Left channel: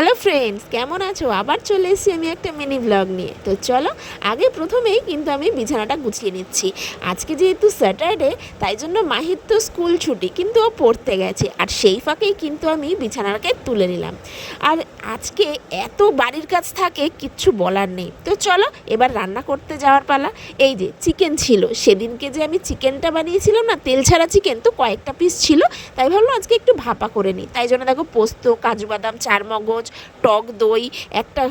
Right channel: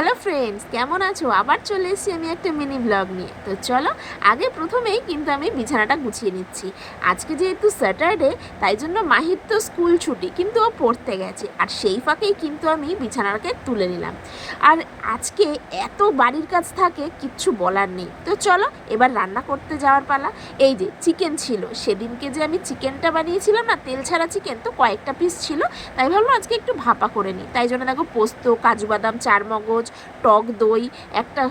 Hello friends, কেমন আছো? আবার চলে এসেছি আমি একটা মিনি ব্লগ নিয়ে। তো চলো, আগে প্রথমেই কিন্তু আমি বিছানাটা গুছিয়ে নিচ্ছি। আজকে যেহেতু স্যাটারডে, তাই জন্য মাহির তো স্কুল ছুটি, কিন্তু ও পড়তে গেছে, আর সেই ফাঁকেই কিন্তু আমি বিছানাটাকে তুলে নিলাম। আর আজকে এত বাড়ির কাজ থাকে, কিচ্ছু বলার নেই। তো চলো, এবার রান্না করতে যাওয়ার পালা। এই যে চিকেন ছিল, সেদিনকে যে আমি চিকেনটা বানিয়েছিলাম না, তেল ছাড়া চিকেন, তো কয়েকটা পিস ছিল, তাই ভাবলাম আজকে একটু ভাপা করে নিই। তাই জন্য দেখো, পোস্ত, কাজু বাদাম, চারমগজ, টক দই, একটা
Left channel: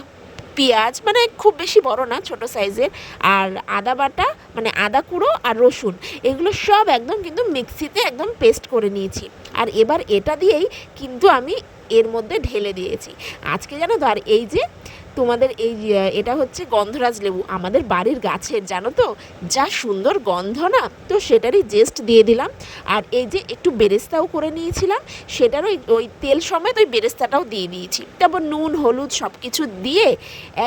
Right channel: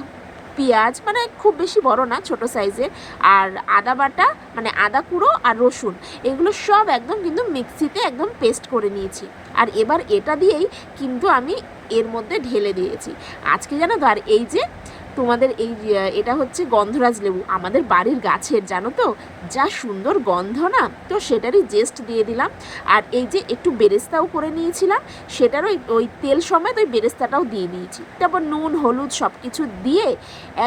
পেঁয়াজ, মানে খুব বেশি বড় না, ছোট সাইজের, আর আদা বাটা, মানে আদা কুঁড়ো আর রসুন, এগুলো সব একদম কিন্তু মিক্সিতে একদম পেস্ট করে নিয়েছি। আর এবার এটা দিয়েই কিন্তু আমি এর মধ্যে ঢেলে দিয়েছি। আজকে জানো তো, আর এই যে তোমাদের এই এটা হচ্ছে গন্ধরাজ লেবু, আমাদের বাড়ির গাছের, জানো তো, যা সুন্দর গন্ধ না, তো সেটারই জেস্ট দিয়ে দিলাম। আর এই যে একটু বেরেস্তাও করে নিয়েছিলাম, সেটারও ওই তেল সমেত ওই বেরেস্তাটাও দিয়ে দিয়েছি। তারপর নুন, হলুদ সব কিছু দিয়ে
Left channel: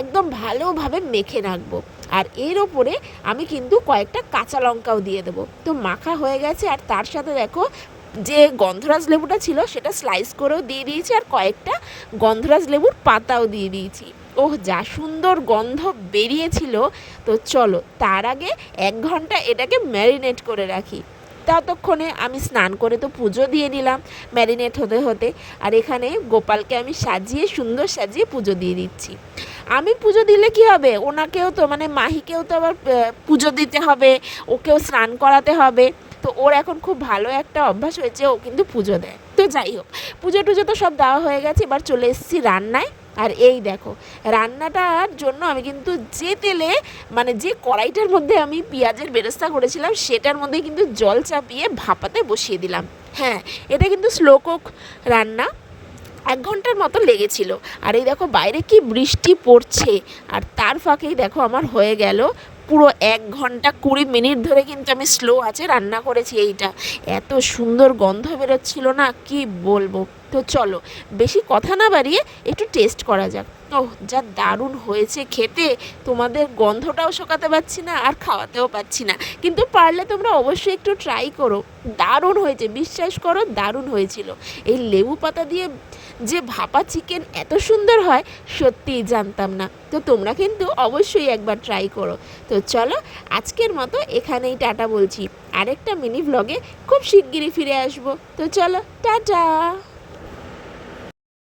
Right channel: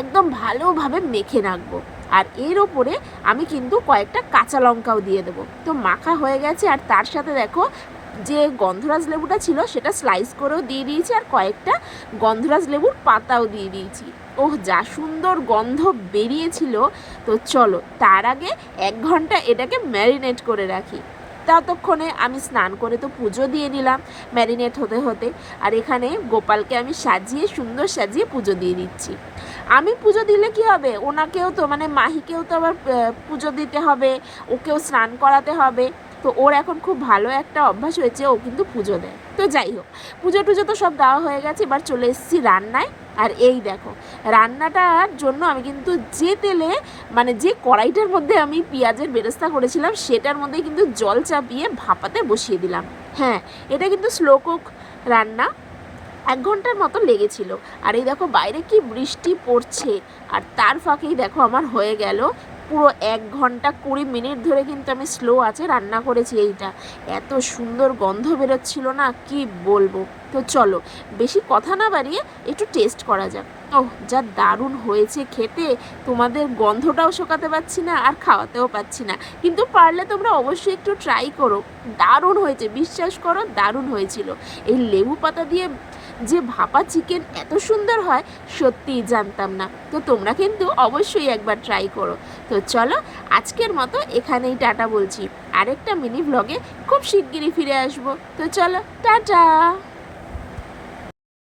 একদম ভালোভাবে মেখে রাখবো। আর এর ওপরে আমি কিন্তু কয়েকটা কাঁচা লঙ্কাও দিয়ে দেবো। তো মাখা হয়ে গেছে, আর তার সাথে দেখো, যে গন্ধরাজ লেবুটা ছিল সেটা স্লাইস করেও দিয়ে দিয়েছি, আর কয়েকটা গন্ধরাজ লেবুর পাতাও দিয়ে দিয়েছি। ওহ, যা সুন্দর গন্ধ বেরিয়েছিল। তো চলো, তার আগে 1 ঘন্টা এটাকে ম্যারিনেট করে রাখি। ততক্ষণে আমি স্নান করে তো পুজো দিয়ে নিলাম ম্যারিনেট হতে হতে। আর এখানে গোপালকে আমি সাজিয়ে, সুন্দর সাজিয়ে পুজো দিয়ে দিচ্ছি। আমি পুজো দিলে কি হবে, ওনাকেও তো, মানে মাহিকেও তো আবার পুজো দিতে হবে, ওকেও স্নান করাতে হবে। তো ওর এখন খুব ভালো একটা অভ্যাস হয়েছে, ও কিন্তু পুজো দেয়। তো যাই হোক, পুজো টুজো তো সব দেওয়া হয়ে গেছে, এবার চলে এসেছি রান্নায়। আর এই দেখো, রান্নাটার জন্য আমি কিন্তু যে তেলে, মানে যে কড়াইটার মধ্যে আমি পেঁয়াজের বেরেস্তা করেছিলাম, সেটার মধ্যে কিন্তু জল চাপিয়ে ভাপাতে বসিয়ে দিলাম। হ্যাঁ, এটা কিন্তু স্লো কুক রান্না, 1 ঘন্টার মতো লেগেছিল। আর এই দেখো, বাইরে কি বৃষ্টি পড়ছে, আর তার ফাঁকেই দেখো আমার হয়ে গেল পুরো 1 ঘন্টা 20 মিনিট ধরে কিন্তু আমি স্লো আছে রান্না করেছি। এইটা এত সুন্দর গন্ধ বেরোচ্ছিল না, কি বলবো। তো চলো, বেশি কথা না বাড়িয়ে একটু টেস্ট করা যাক। ওহ, যা দারুণ হয়েছে খেতে, তোমাদের গন্ধটাও শোকাতে পারছি না, আর খাওয়াতেও পাচ্ছি না। কিন্তু পারলে তোমরা অবশ্যই একটু ট্রাই করো, দারুণ হয়েছে, বিশ্বাস করো, দারুণ হয়েছিল। এই লেবু পাতা দিয়ে যে ভাপা চিকেন এত সুন্দর হয়, সত্যিই জানতাম না। তো তোমরা কিন্তু অবশ্যই একবার ট্রাই করো। তো চলো, আজকের মতো এখানেই টাটা বলছি। আরেকটা মিনি ব্লগে খুব শিগগিরই ফিরে আসবো। তো চলো, টাটা।